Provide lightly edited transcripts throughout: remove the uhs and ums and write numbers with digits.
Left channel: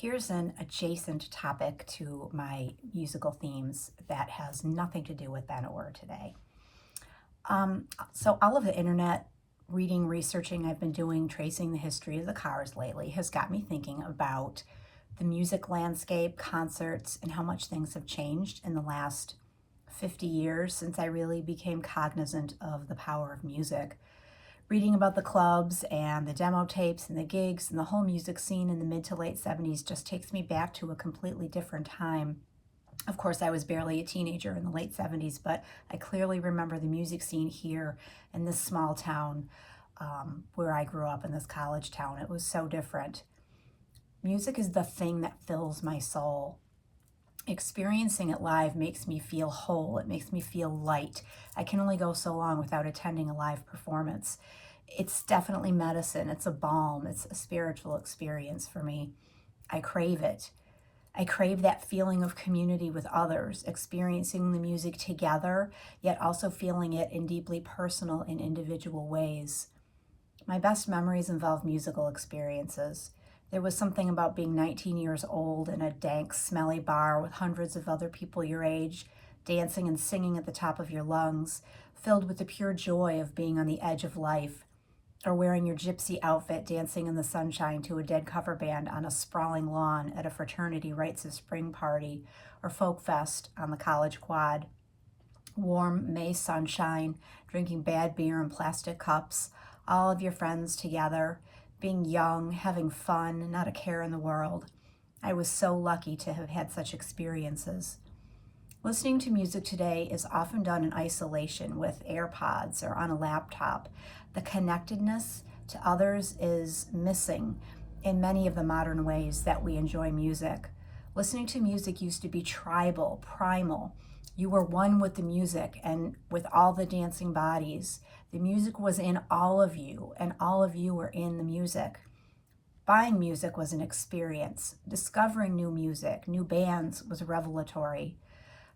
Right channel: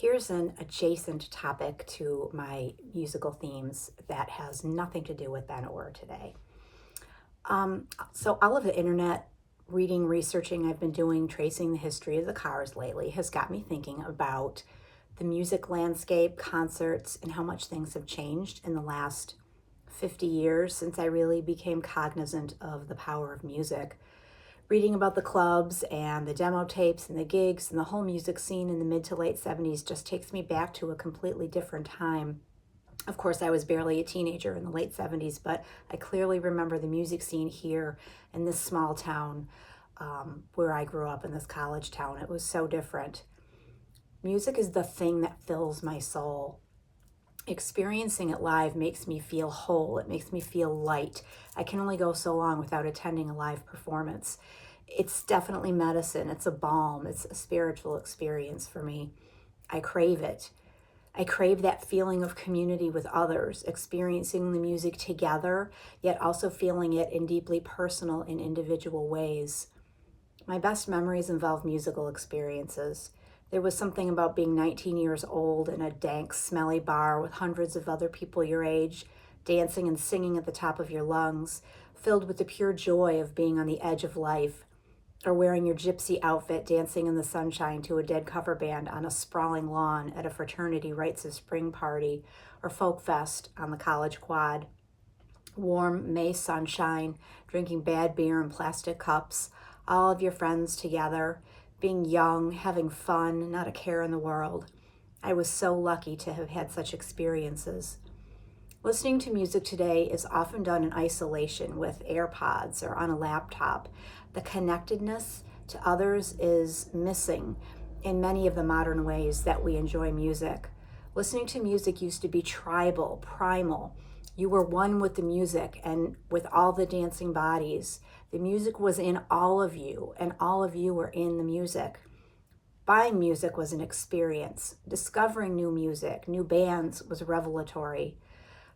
Here's an adjacent topic to my musical themes that has nothing to do with then or today. So all of the internet reading, researching I've been doing, tracing the history of the Cars lately has got me thinking about the music landscape, concerts, and how much things have changed in the last 50 years since I really became cognizant of the power of music. Reading about the clubs and the demo tapes and the gigs and the whole music scene in the mid to late 70s just takes me back to a completely different time. Of course, I was barely a teenager in the late 70s, but I clearly remember the music scene here in this small town where I grew up, in this college town. It was so different. Music is the thing that fills my soul. Experiencing it live makes me feel whole. It makes me feel light. I can only go so long without attending a live performance. It's definitely medicine. It's a balm. It's a spiritual experience for me. I crave it. I crave that feeling of community with others, experiencing the music together, yet also feeling it in deeply personal and individual ways. My best memories involve musical experiences. There was something about being 19 years old in a dank, smelly bar with hundreds of other people your age, dancing and singing at the top of your lungs, filled with the pure joy of being on the edge of life, or wearing your gypsy outfit, dancing in the sunshine to a dead cover band on a sprawling lawn at a fraternity rites of spring party, or folk fest on the college quad. Warm May sunshine, drinking bad beer in plastic cups, all of your friends together, being young, having fun, not a care in the world. I was so lucky to have had such experiences. Listening to music today is often done in isolation with AirPods or on a laptop. The connectedness to others is missing in many of the modern ways that we enjoy music. Listening to music used to be tribal, primal. You were one with the music and with all the dancing bodies. The music was in all of you, and all of you were in the music. Buying music was an experience. Discovering new music, new bands was revelatory.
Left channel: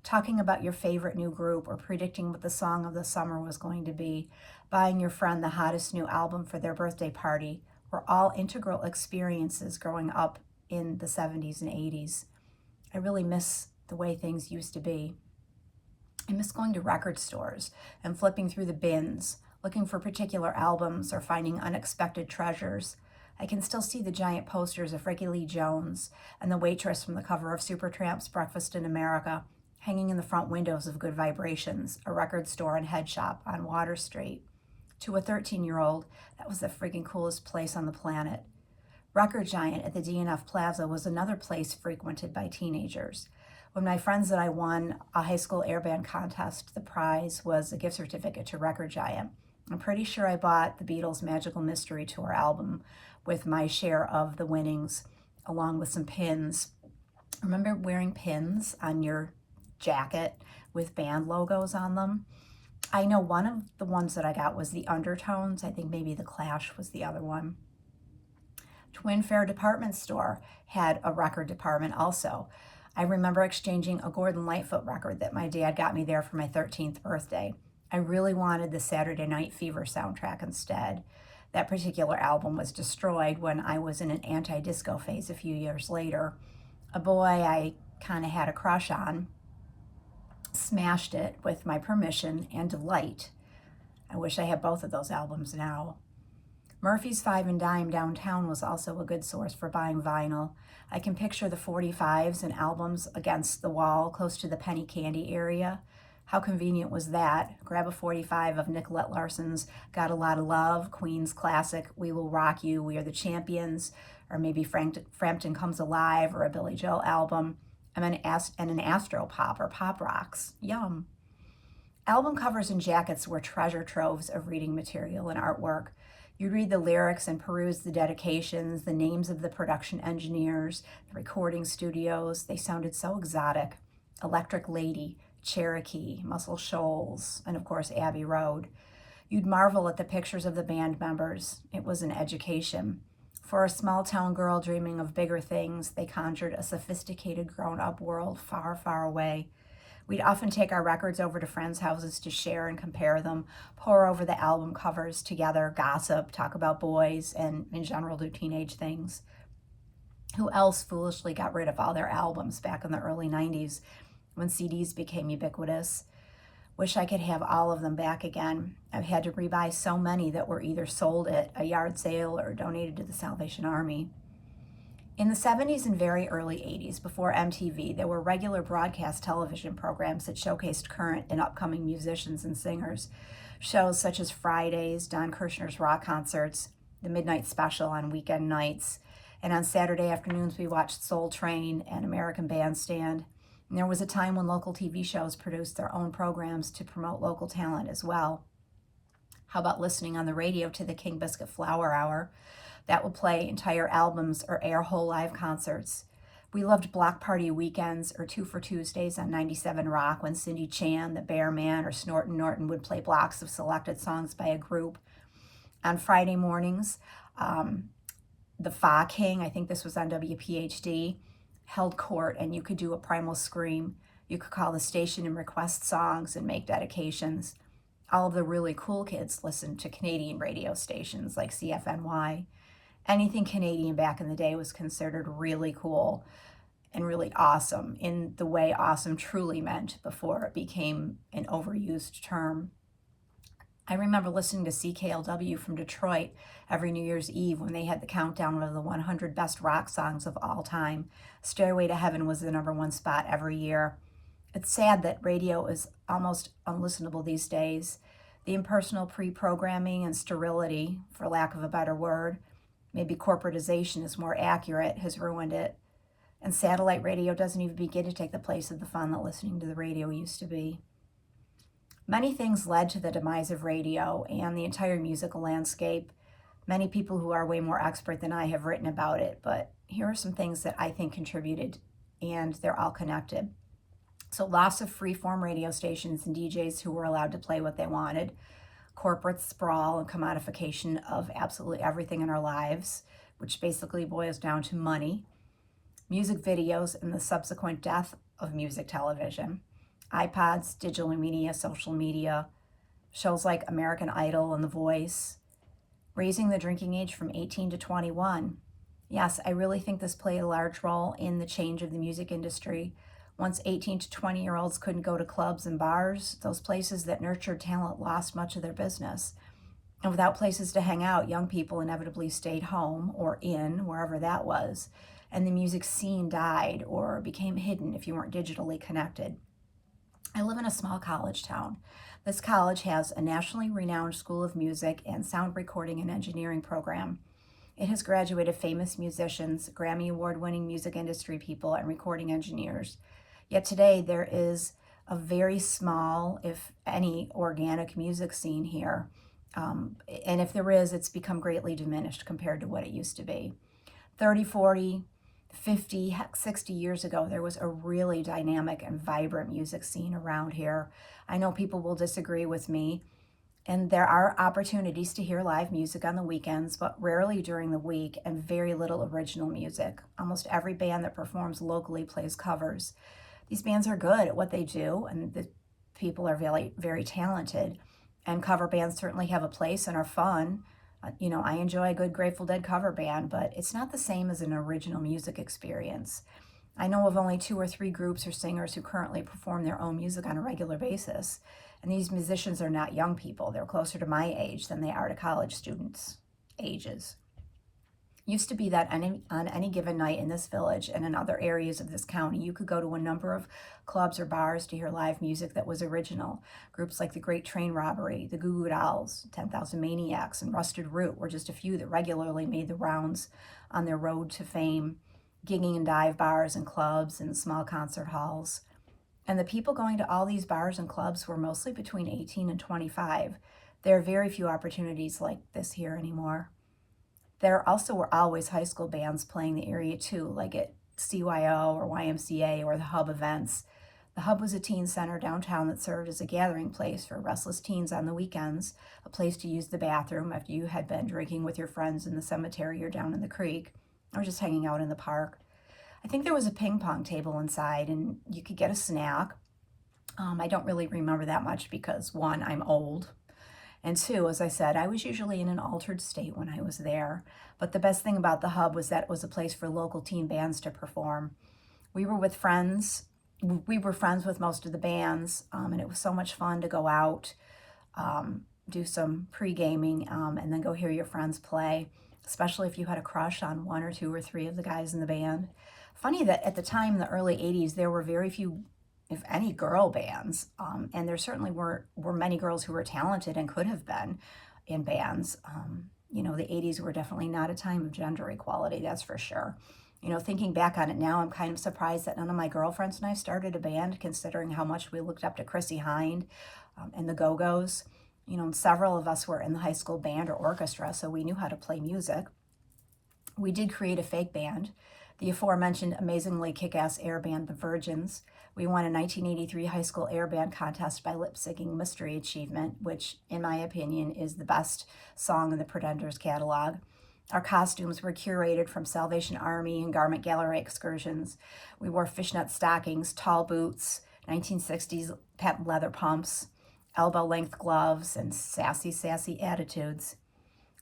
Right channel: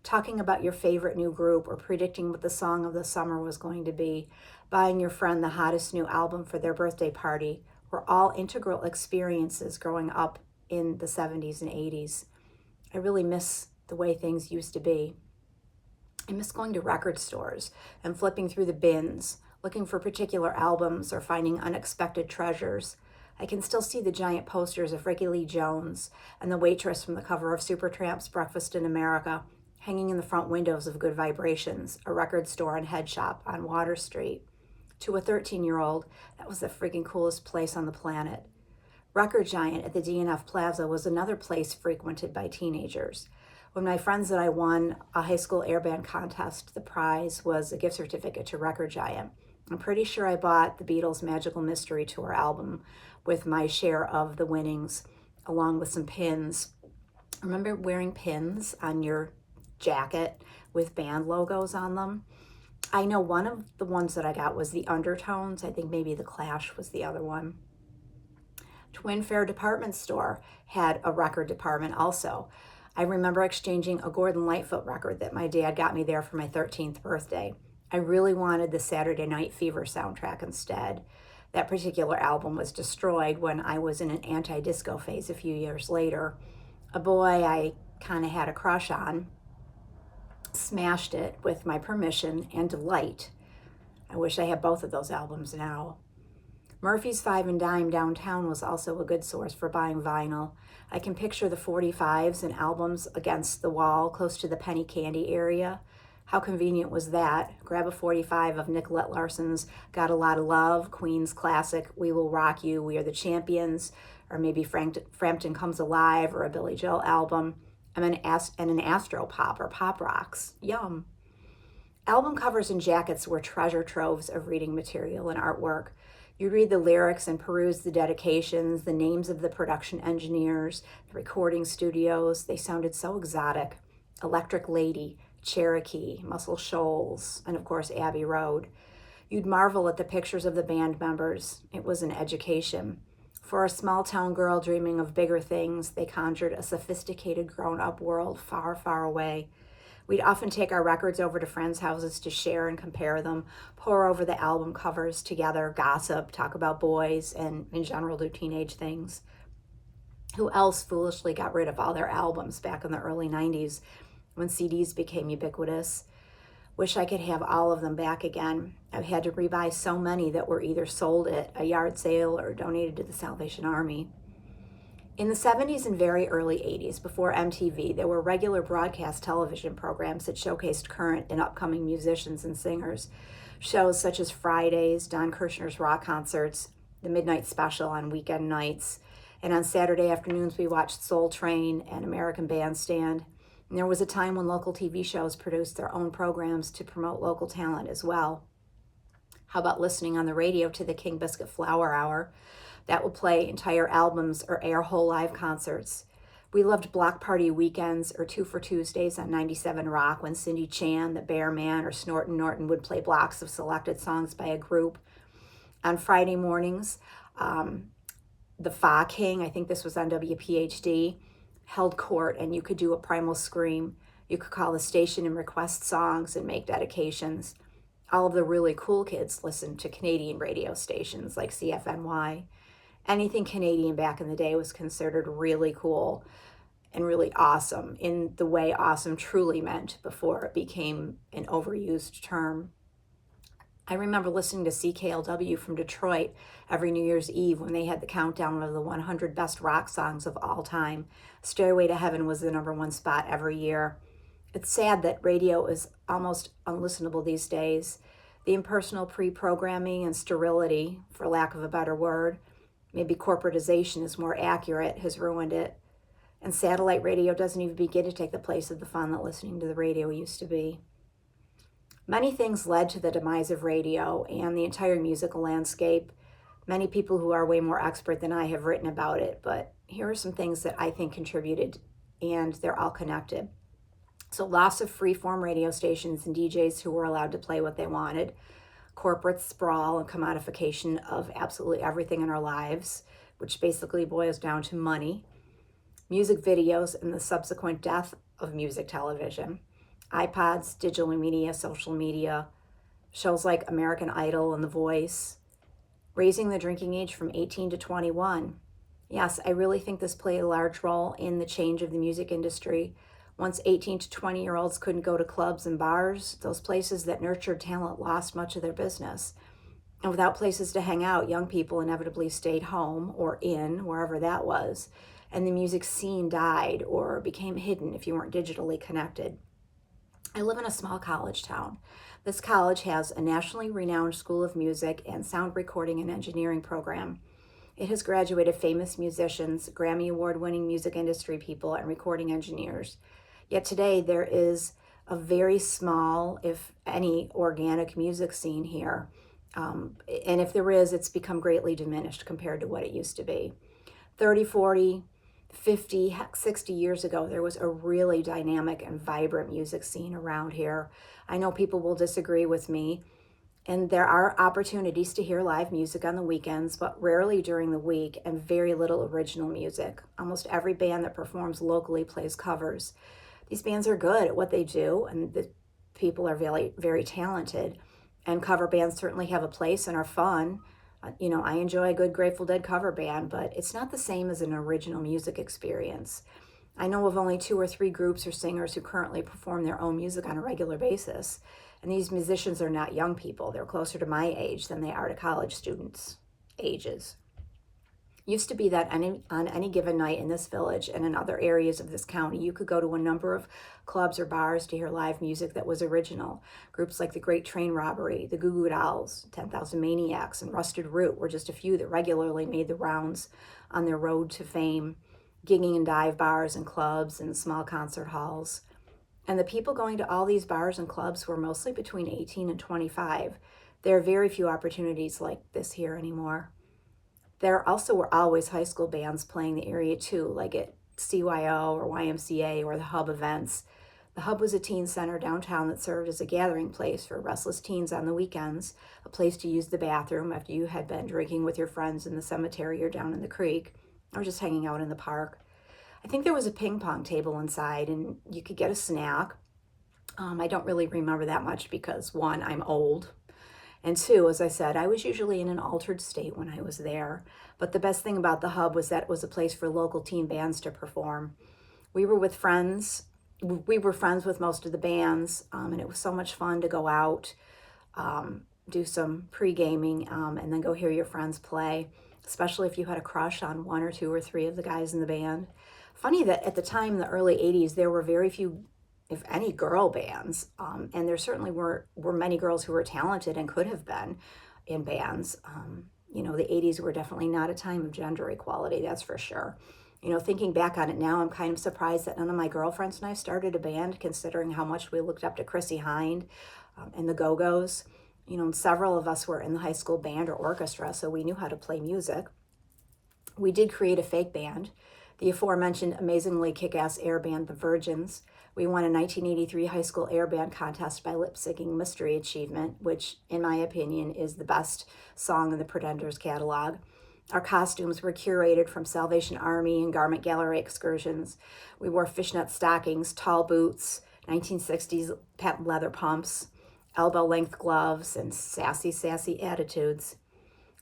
Talking about your favorite new group or predicting what the song of the summer was going to be, buying your friend the hottest new album for their birthday party, were all integral experiences growing up in the 70s and 80s. I really miss the way things used to be. I miss going to record stores and flipping through the bins, looking for particular albums or finding unexpected treasures. I can still see the giant posters of Ricky Lee Jones and the waitress from the cover of Supertramp's Breakfast in America hanging in the front windows of Good Vibrations, a record store and head shop on Water Street. To a 13-year-old, that was the freaking coolest place on the planet. Record Giant at the DNF Plaza was another place frequented by teenagers. When my friends and I won a high school airband contest, the prize was a gift certificate to Record Giant. I'm pretty sure I bought the Beatles' Magical Mystery Tour album with my share of the winnings, along with some pins. Remember wearing pins on your jacket with band logos on them? I know one of the ones that I got was the Undertones. I think maybe the Clash was the other one. Twin Fair Department Store had a record department also. I remember exchanging a Gordon Lightfoot record that my dad got me there for my 13th birthday. I really wanted the Saturday Night Fever soundtrack instead. That particular album was destroyed when I was in an anti-disco phase a few years later. A boy I kind of had a crush on smashed it with my permission and delight. I wish I had both of those albums now. Murphy's Five and Dime downtown was also a good source for buying vinyl. I can picture the 45s and albums against the wall close to the penny candy area. How convenient was that? Grab a 45 of Nicolette Larson's Got a Lot of Love, Queen's classic We Will Rock You, We Are the Champions, or maybe Frampton Comes Alive, or a Billy Joel album, and an Astro Pop or Pop Rocks. Yum. Album covers and jackets were treasure troves of reading material and artwork. You'd read the lyrics and peruse the dedications, the names of the production engineers, the recording studios. They sounded so exotic. Electric Lady, Cherokee, Muscle Shoals, and of course Abbey Road. You'd marvel at the pictures of the band members. It was an education. For a small town girl dreaming of bigger things, they conjured a sophisticated grown-up world far, far away. We'd often take our records over to friends' houses to share and compare them, pore over the album covers together, gossip, talk about boys, and in general do teenage things. Who else foolishly got rid of all their albums back in the early 90s when CDs became ubiquitous? Wish I could have all of them back again. I've had to rebuy so many that were either sold at a yard sale or donated to the Salvation Army. In the 70s and very early 80s, before MTV, there were regular broadcast television programs that showcased current and upcoming musicians and singers. Shows such as Fridays, Don Kirshner's rock concerts, the Midnight Special on weekend nights, and on Saturday afternoons we watched Soul Train and American Bandstand. And there was a time when local TV shows produced their own programs to promote local talent as well. How about listening on the radio to the King Biscuit Flower Hour? That would play entire albums or air whole live concerts. We loved Block Party Weekends or Two for Tuesdays on 97 Rock when Cindy Chan, the Bear Man, or Snorton Norton would play blocks of selected songs by a group. On Friday mornings, the Fa King, I think this was on WPHD, held court, and you could do a primal scream. You could call the station and request songs and make dedications. All of the really cool kids listened to Canadian radio stations like CFNY. Anything Canadian back in the day was considered really cool and really awesome in the way awesome truly meant before it became an overused term. I remember listening to CKLW from Detroit every New Year's Eve when they had the countdown of the 100 best rock songs of all time. Stairway to Heaven was the #1 spot every year. It's sad that radio is almost unlistenable these days. The impersonal pre-programming and sterility, for lack of a better word, maybe corporatization is more accurate, has ruined it. And satellite radio doesn't even begin to take the place of the fun that listening to the radio used to be. Many things led to the demise of radio and the entire musical landscape. Many people who are way more expert than I have written about it, but here are some things that I think contributed, and they're all connected. So loss of free-form radio stations and DJs who were allowed to play what they wanted, corporate sprawl and commodification of absolutely everything in our lives, which basically boils down to money, music videos and the subsequent death of music television, iPods, digital media, social media, shows like American Idol and The Voice, raising the drinking age from 18 to 21. Yes, I really think this played a large role in the change of the music industry. Once 18 to 20-year-olds couldn't go to clubs and bars, those places that nurtured talent lost much of their business. And without places to hang out, young people inevitably stayed home or in, wherever that was, and the music scene died or became hidden if you weren't digitally connected. I live in a small college town. This college has a nationally renowned School of Music and Sound Recording and Engineering program. It has graduated famous musicians, Grammy Award-winning music industry people, and recording engineers. Yet today there is a very small, if any, organic music scene here. And if there is, it's become greatly diminished compared to what it used to be. 30, 40, 50, heck, 60 years ago, there was a really dynamic and vibrant music scene around here. I know people will disagree with me, and there are opportunities to hear live music on the weekends, but rarely during the week, and very little original music. Almost every band that performs locally plays covers. These bands are good at what they do, and the people are very, very talented, and cover bands certainly have a place and are fun. I enjoy a good Grateful Dead cover band, but it's not the same as an original music experience. I know of only 2 or 3 groups or singers who currently perform their own music on a regular basis. And these musicians are not young people. They're closer to my age than they are to college students' ages. Used to be that on any given night in this village and in other areas of this county, you could go to a number of clubs or bars to hear live music that was original. Groups like the Great Train Robbery, the Goo Goo Dolls, 10,000 Maniacs, and Rusted Root were just a few that regularly made the rounds on their road to fame, gigging in dive bars and clubs and small concert halls. And the people going to all these bars and clubs were mostly between 18 and 25. There are very few opportunities like this here anymore. There also were always high school bands playing the area too, like at CYO or YMCA or the Hub events. The Hub was a teen center downtown that served as a gathering place for restless teens on the weekends, a place to use the bathroom after you had been drinking with your friends in the cemetery or down in the creek, or just hanging out in the park. I think there was a ping pong table inside, and you could get a snack. I don't really remember that much because, one, I'm old, And two, as I said, I was usually in an altered state when I was there. But the best thing about the hub was that it was a place for local teen bands to perform. We were with friends. We were friends with most of the bands, and it was so much fun to go out, do some pre-gaming, and then go hear your friends play, especially if you had a crush on one or two or three of the guys in the band. Funny that at the time in the early 80s, there were very few, if any, girl bands, and there certainly were many girls who were talented and could have been in bands. The 80s were definitely not a time of gender equality, that's for sure. Thinking back on it now, I'm kind of surprised that none of my girlfriends and I started a band, considering how much we looked up to Chrissie Hynde and the Go-Go's. And several of us were in the high school band or orchestra, so we knew how to play music. We did create a fake band, the aforementioned amazingly kick-ass air band, The Virgins. We won a 1983 high school air band contest by lip-syncing Mystery Achievement, which, in my opinion, is the best song in the Pretenders catalog. Our costumes were curated from Salvation Army and Garment Gallery excursions. We wore fishnet stockings, tall boots, 1960s patent leather pumps, elbow-length gloves, and sassy attitudes.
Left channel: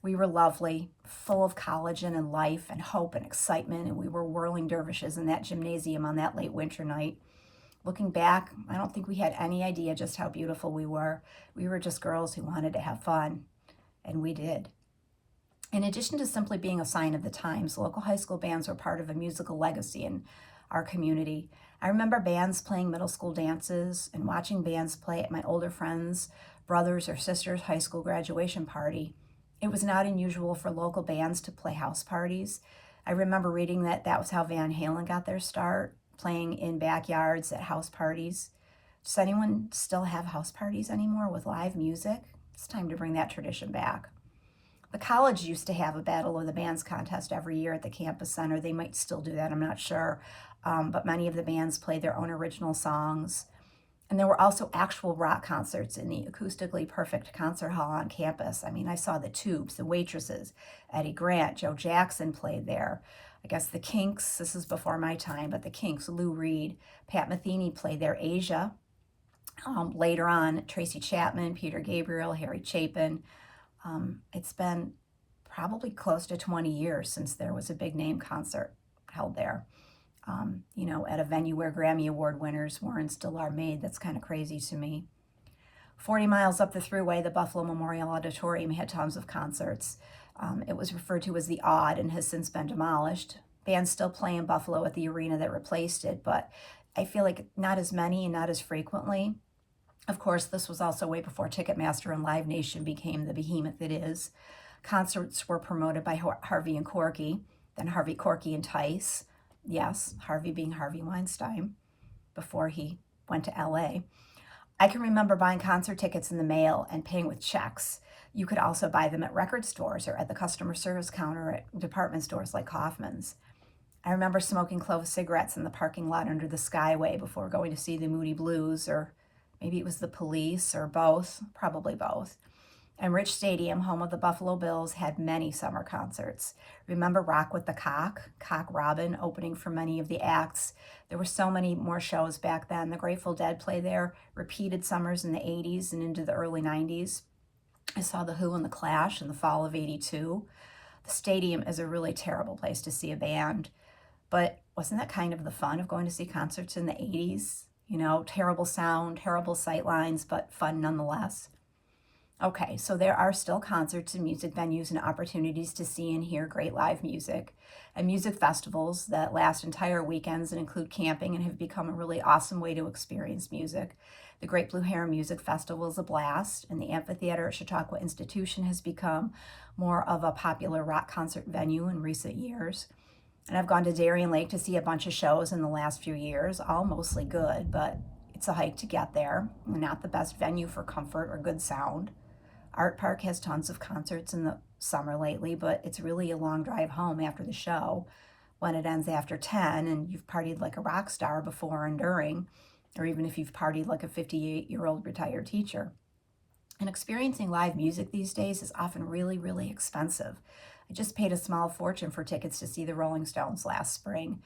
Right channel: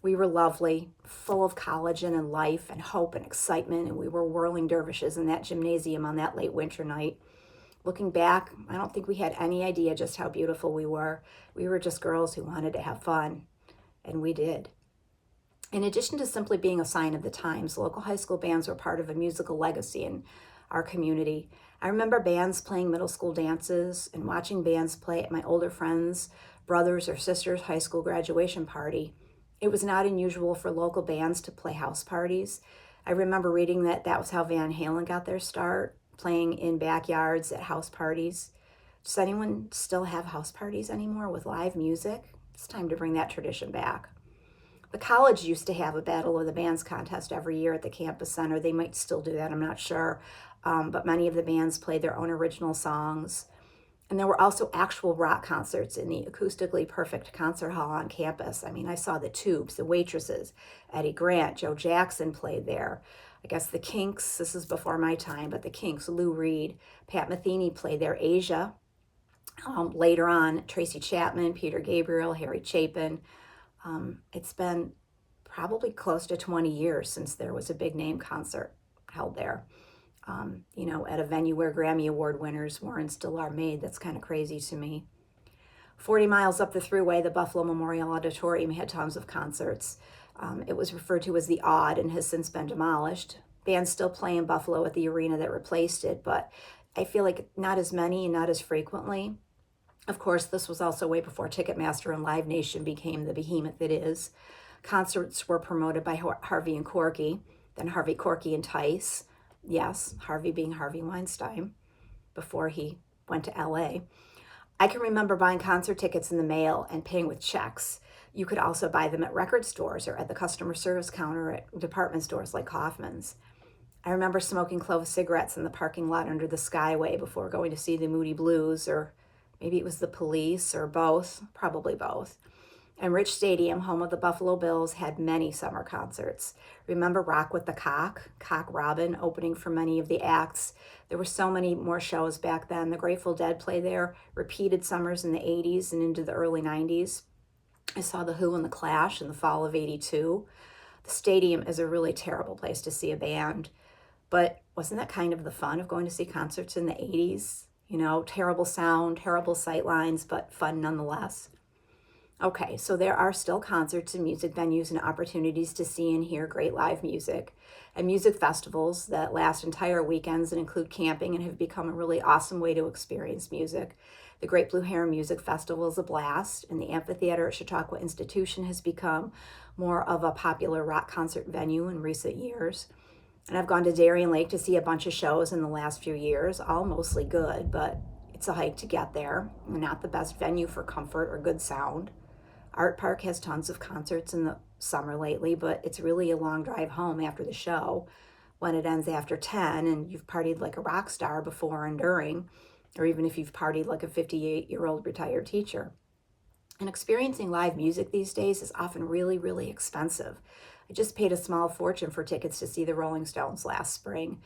We were lovely, full of collagen and life and hope and excitement, and we were whirling dervishes in that gymnasium on that late winter night. Looking back, I don't think we had any idea just how beautiful we were. We were just girls who wanted to have fun, and we did. In addition to simply being a sign of the times, local high school bands were part of a musical legacy in our community. I remember bands playing middle school dances and watching bands play at my older friends' brothers' or sisters' high school graduation party. It was not unusual for local bands to play house parties. I remember reading that was how Van Halen got their start, playing in backyards at house parties. Does anyone still have house parties anymore with live music? It's time to bring that tradition back. The college used to have a Battle of the Bands contest every year at the campus center. They might still do that, I'm not sure. But many of the bands played their own original songs. And there were also actual rock concerts in the acoustically perfect concert hall on campus. I mean, I saw the Tubes, the Waitresses, Eddie Grant, Joe Jackson played there. I guess the Kinks, this is before my time, but the Kinks, Lou Reed, Pat Metheny played there, Asia. Later on, Tracy Chapman, Peter Gabriel, Harry Chapin. It's been probably close to 20 years since there was a big name concert held there. At a venue where Grammy Award winners were and still are made. That's kind of crazy to me. 40 miles up the thruway, the Buffalo Memorial Auditorium had tons of concerts. It was referred to as the Odd and has since been demolished. Bands still play in Buffalo at the arena that replaced it, but I feel like not as many and not as frequently. Of course, this was also way before Ticketmaster and Live Nation became the behemoth it is. Concerts were promoted by Harvey and Corky, then Harvey, Corky, and Tice. Yes, Harvey being Harvey Weinstein before he went to LA. I can remember buying concert tickets in the mail and paying with checks. You could also buy them at record stores or at the customer service counter at department stores like Kaufman's. I remember smoking clove cigarettes in the parking lot under the Skyway before going to see the Moody Blues, or maybe it was the Police, or both, probably both. And Rich Stadium, home of the Buffalo Bills, had many summer concerts. Remember Rock with the Cock Robin, opening for many of the acts. There were so many more shows back then. The Grateful Dead played there, repeated summers in the 80s and into the early 90s. I saw The Who and The Clash in the fall of 82. The stadium is a really terrible place to see a band, but wasn't that kind of the fun of going to see concerts in the 80s? Terrible sound, terrible sight lines, but fun nonetheless. Okay, so there are still concerts and music venues and opportunities to see and hear great live music, and music festivals that last entire weekends and include camping and have become a really awesome way to experience music. The Great Blue Heron Music Festival is a blast, and the amphitheater at Chautauqua Institution has become more of a popular rock concert venue in recent years. And I've gone to Darien Lake to see a bunch of shows in the last few years, all mostly good, but it's a hike to get there. Not the best venue for comfort or good sound. Art Park has tons of concerts in the summer lately, but it's really a long drive home after the show when it ends after 10 and you've partied like a rock star before and during, or even if you've partied like a 58-year-old retired teacher. And experiencing live music these days is often really, really expensive. I just paid a small fortune for tickets to see the Rolling Stones last spring,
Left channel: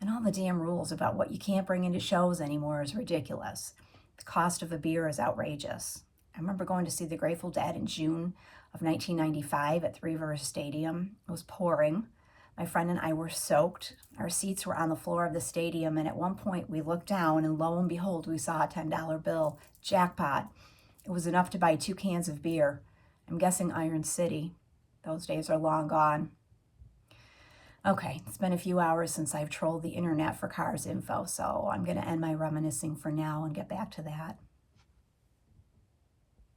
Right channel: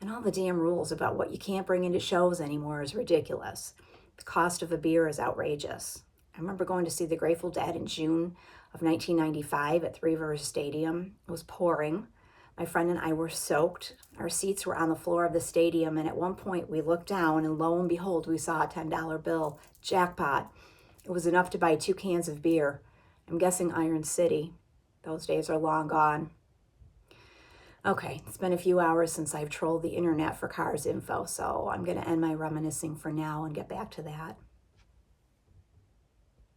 and all the damn rules about what you can't bring into shows anymore is ridiculous. The cost of a beer is outrageous. remember going to see the Grateful Dead in June of 1995 at Three Rivers Stadium. It was pouring. My friend and I were soaked. Our seats were on the floor of the stadium, and at one point we looked down, and lo and behold, we saw a $10 bill. Jackpot. It was enough to buy 2 cans of beer. I'm guessing Iron City. Those days are long gone. Okay, it's been a few hours since I've trolled the internet for cars info, so I'm going to end my reminiscing for now and get back to that.